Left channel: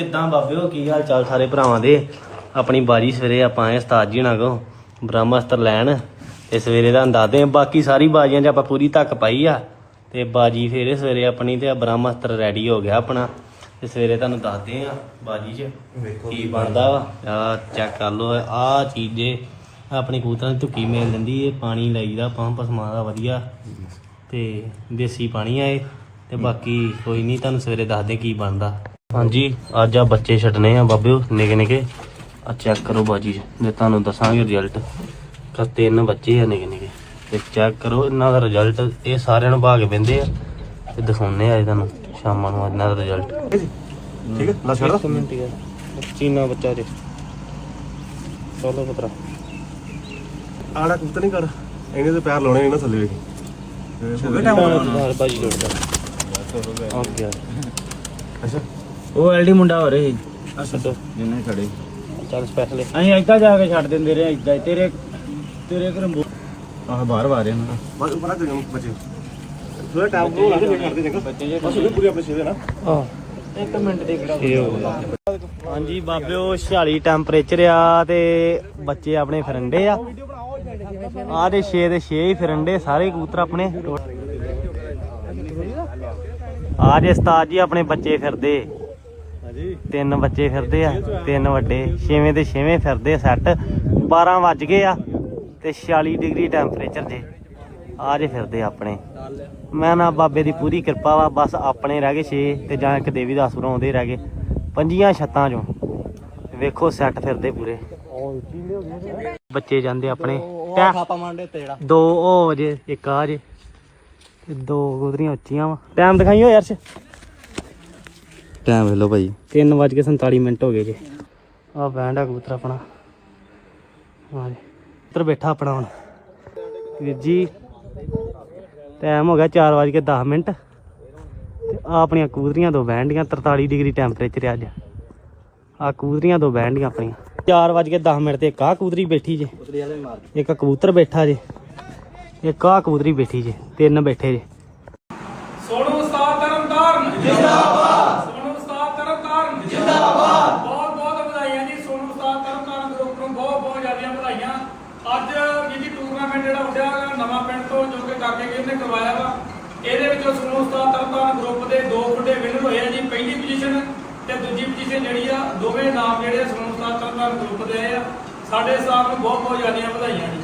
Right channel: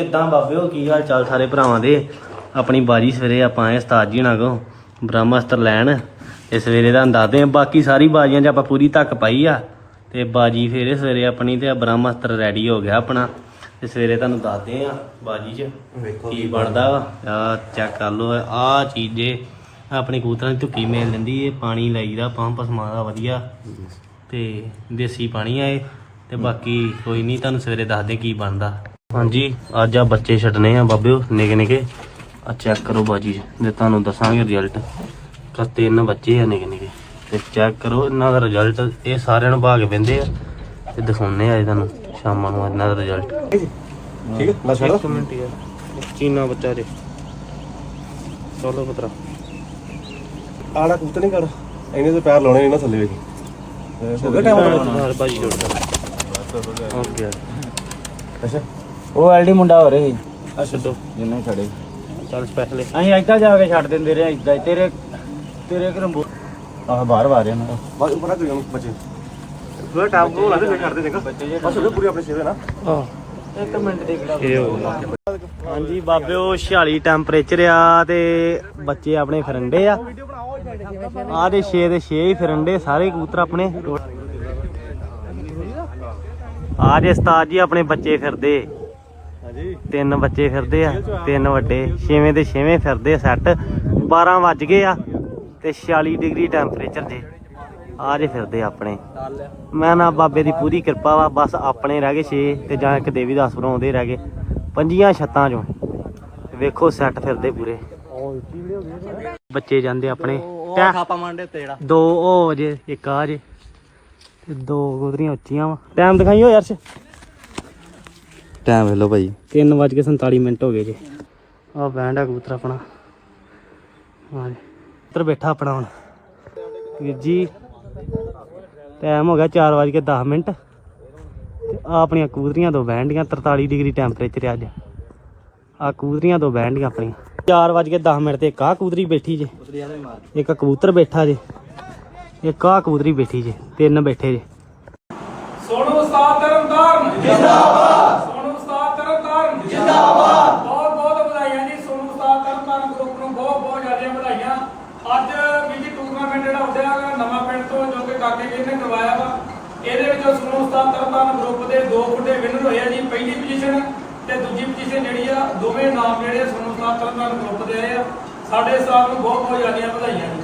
ਕਿੱਦਾਂ ਬਾਬਿਓ ਕੀ ਹਾਲ ਚਾਲ ਸਾਰੇ ਭਰਾਵਾਂ ਦੇ? ਆਪਣੀ ਬਾਜੀ ਸਵੇਰੇ ਆਪਾਂ ਆਏ ਉਸਤਾਦ ਜੀ ਨਾਲ ਕੋ ਬ੍ਰਹਮਸਤਰ ਲੈਣ। ਇਸ ਸਵੇਰੇ ਦਾ ਦੱਸਦੇ ਆ ਬਾਕੀ ਸਾਰੀ ਬਾਜੀਆਂ 'ਚ ਆਪਾਂ ਪੂਰੀ ਧੱਕ ਪਾਈ ਆ। ਤੇ ਬਾਜੀ ਫੇਰੇ ਸਵੇਰੇ ਆਪਣੀ ਤੇ ਬ੍ਰਹਮਸਤਰ ਰੈਡੀ ਹੋ ਗਿਆ ਆਪਣਾ। ਤੇ ਸਵੇਰੇ ਤੁਹਾਨੂੰ ਦੱਸਦੇ ਆ ਬਾਜੀ 'ਚ ਕੀ ਬਣਦਾ। ਆ ਚੈੱਕ ਕਰ ਲਓ ਆ ਚੀਜ਼ੇ ਆਪਣੀ ਕਬੂਤਰਾਂ ਦੀ ਧੁੱਕੀ ਮੇਲ ਦਿੰਦੀ ਇਹ ਪਾਣੀ ਲਾਈਦਾ ਪੰਪ ਸਮਾਦਾ ਵਧੀਆ। ਤੇ ਦੇਸੀ ਪਾਣੀ ਆ ਇਹ। ਤੇ ਬਾਕੀ ਕੋਈ ਨਹੀਂ ਤੁਹਾਨੂੰ ਸਵੇਰੇ ਦੱਸਦੇ ਕੀ ਬਣਦਾ। ਹਾਂਜੀ ਅੱਜ ਆ ਬੱਚੇ ਛੱਡਨੇ ਆ ਬਾਬਿਓ ਨਿੱਕੇ ਨਿੱਕੇ। ਆ ਚੈੱਕ ਕਰੋ ਬਾਜੀ ਜੇ ਤੁਹਾਨੂੰ ਦੱਸਾਂਗੇ ਰਿਜ਼ਲਟ ਤਾਂ ਤਿੰਨ ਬੱਚੇ ਆ ਨਿੱਕੇ ਨਿੱਕੇ। ਤੇ ਚੈੱਕ ਕਰੋ ਇਹਨਾਂ ਦਾ ਰਿਜ਼ਲਟ ਇਹ ਸਾਰਿਆਂ ਨੂੰ ਭਾਗ ਪੈਂਦੇ ਆ। ਤੇ ਦਿਖਾਉਂਦੇ ਆ ਇਹਨਾਂ ਨੂੰ ਸ਼ਾਮਾਂ ਨੂੰ ਇਹਨਾਂ ਦਾ ਰਿਜ਼ਲਟ ਠੀਕ ਹੈ ਲਾ ਛੱਡ ਦੋ ਚੀਨਾ ਬੱਚਾ ਦੇ। ਚਲੋ ਪੁੱਤਰਾ ਆਲਾ ਕੁੱਤ ਨਹੀਂ ਕਰ ਇਹਨੇ ਤੇ ਪੈਰ ਲਾਉਣੇ ਨਹੀਂ ਨਾ ਥੱਲੇ ਵੇਖੀ। ਹੋ ਗਿਆ ਨਾਲ ਭਾਈ ਅੱਛਾ। ਉਹ ਐਲਡੀ ਮੁੰਡਾ ਹੋ ਰਹੇ ਅੱਛਾ ਜਿੰਨੇ ਖੜੇ। ਚੱਲ ਸਪੈਸ਼ਲ ਅਸੀਂ ਏਦਾਂ ਜਾ ਕੇ ਛੱਡ ਦਿੰਦੇ ਰਹੇ ਹੀ। ਤੇਰੇ ਤੇਰੇ ਘਰੋਂ ਬੋ- ਆਹ ਬਾਹਰ ਵਾਰੇ ਨਾ ਬਸ ਉੱਪਰ ਦਿਓ ਬੱਚੇ। ਥੋੜਾ ਟਾਈਮ ਕੋ ਲੱਗਦਾ ਛੱਡ ਦੇ ਦੇਖਾ। ਬਸ ਉਹਦੇ ਪੂਰੀ ਆਪਣੇ ਛੇਦੇ ਨਾ। ਇੱਕ ਮਿੰਟ ਦੀ ਹਾਂਜੀ ਬਾਬਿਓ 46 ਟੈਂਪਰੇਚਰ ਆ ਤੇ ਬੱਚੇ ਆਪਣੇ ਫਿਰੰਡੇ ਆ। ਆ ਦੇ 6 ਦੇ 6 ਹੀ ਫਿਰੰਡੇ ਸਾਰੇ ਕਬੂਤਰ ਆਪਣੇ। ਆ ਦੇ ਉਸਤਾਦ ਜੀ ਆਪਣੇ ਬੱਚੇ ਫਿਰਦੇ। ਤਿੰਨ ਬੱਚੇ ਫਿਰਦੇ ਆ ਤਿੰਨ ਵੱਡੇ ਛੇਵੇਂ ਤੇ ਛੇਵੇਂ ਫਿਰਦੇ ਸੈੱਟ 12 ਵੱਜ ਗਏ ਆ ਤੇ 46 ਡਿਗਰੀ ਟੈਂਪਰੇਚਰ ਜੇ ਆ ਜੇ ਫਿਰਦੇ ਆਪਣੇ। ਮੈਂ ਨਾ ਬਾਬੇ ਦੀ ਪੂਰੀ ਕਿਰਪਾ ਵਾ ਬਸ ਆਪਣੇ ਰਹਿ ਗਏ 6 ਤੇ ਜਾਂ ਇੱਕ ਦੇਵੀ ਦਾਸ ਬਣਾਉਂਦੇ ਰਹਿ ਗਏ। ਪੰਜੀਆਂ ਛੱਤਾਂ ਚੋਂ। ਵੇਖੋ ਸੈੱਟ ਫਿਰਦੇ ਪੂਰੇ। ਬੱਚੇ ਜਾਂਦੇ ਆਪਣੇ। ਦੋ ਉਹ ਜੇ ਇੱਕ ਆ ਜੇ। ਦੋ ਗੁਦਰੀਆਂ ਉੱਚੀਆਂ ਟਾਈਮ ਦਿਖਾਈਓ ਯਾਰ ਸੇ ਟਾਈਮ ਵੇਲੋ ਭਾਈ। 3:47 ਮਿੰਟ ਹੋ ਗਏ ਜੀ। ਆ ਬੈਂਡ ਆ ਕਬੂਤਰ ਆਪਣਾ। ਹਾਂ ਕਬੂਤਰ ਬੈਠਾ ਆਪਣਾ ਹੁਣ। ਵੀਰ ਜੀ ਟਾਈਮ ਹੋ ਗਿਆ 4:10 ਮਿੰਟ। ਤੇ ਆ ਆਪਣੀਆਂ ਕਬੂਤਰੀਆਂ ਦੋ ਬੈਂਡੀਆਂ 43 ਡਿਗਰੀ ਟੈਂਪਰੇਚਰ ਆ ਅੱਜ। ਆ ਕਬੂਤਰੀਆਂ ਦੋ ਬੈਂਡੀਆਂ ਆਪਣੀਆਂ। 4:10 ਮਿੰਟ ਤੇ ਇੱਕ ਆ ਕਬੂਤਰੀ ਬੈਠੀ ਜੇ। ਇੱਕ ਕਬੂਤਰ ਬੈਠਾ ਜੇ। ਇੱਕ ਆ ਕਬੂਤਰੀ ਬੈਠੀ ਜੇ। ਤਿੰਨ ਬੈਠੇ ਜੇ। ਸੋਨੂੰ ਉਸਤਾਦ ਤਰਨਤਾਰਨ ਜਿੰਦਾਬਾਦ। ਅੱਜ ਵੀ ਜੀ ਟੂਰਨਾਮੈਂਟ ਜਿਹੜਾ ਉੱਡਿਆ ਨਵਾਂ ਪਿੰਡ ਤੋਂ ਜੋ ਕਿ ਕਾਕੇ ਗਿਰ ਨੇ ਕਰਵਾਇਆ ਵਾ, ਇਹਦੇ ਵਿੱਚੋਂ ਸੋਨੂੰ ਉਸਤਾਦ ਤਰਨਤਾਰਨ ਗਰੁੱਪ ਦੇ ਦੋ ਖੁੱਡੇ ਵਿਨਰ ਹੋਏ ਆ ਜੀ, ਪਹਿਲੀ ਪੋਜੀਸ਼ਨ ਤੇ ਦੂਜੀ ਪੋਜੀਸ਼ਨ ਜਿਹੜੀ ਆ, ਦੋਵੇਂ ਨਾਮ ਜਿਹੜੇ ਆ ਸੋਨੂੰ ਉਸਤਾਦ ਤਰਨਤਾਰਨ ਗਰੁੱਪ ਦੇ ਆਏ ਆ। ਸਾਡੇ ਸਟਾਫ ਨੂੰ ਬਹੁਤ ਬਹੁਤ ਜ਼ਿਆਦੀਆਂ ਵਧਾਈਆਂ ਜੀ।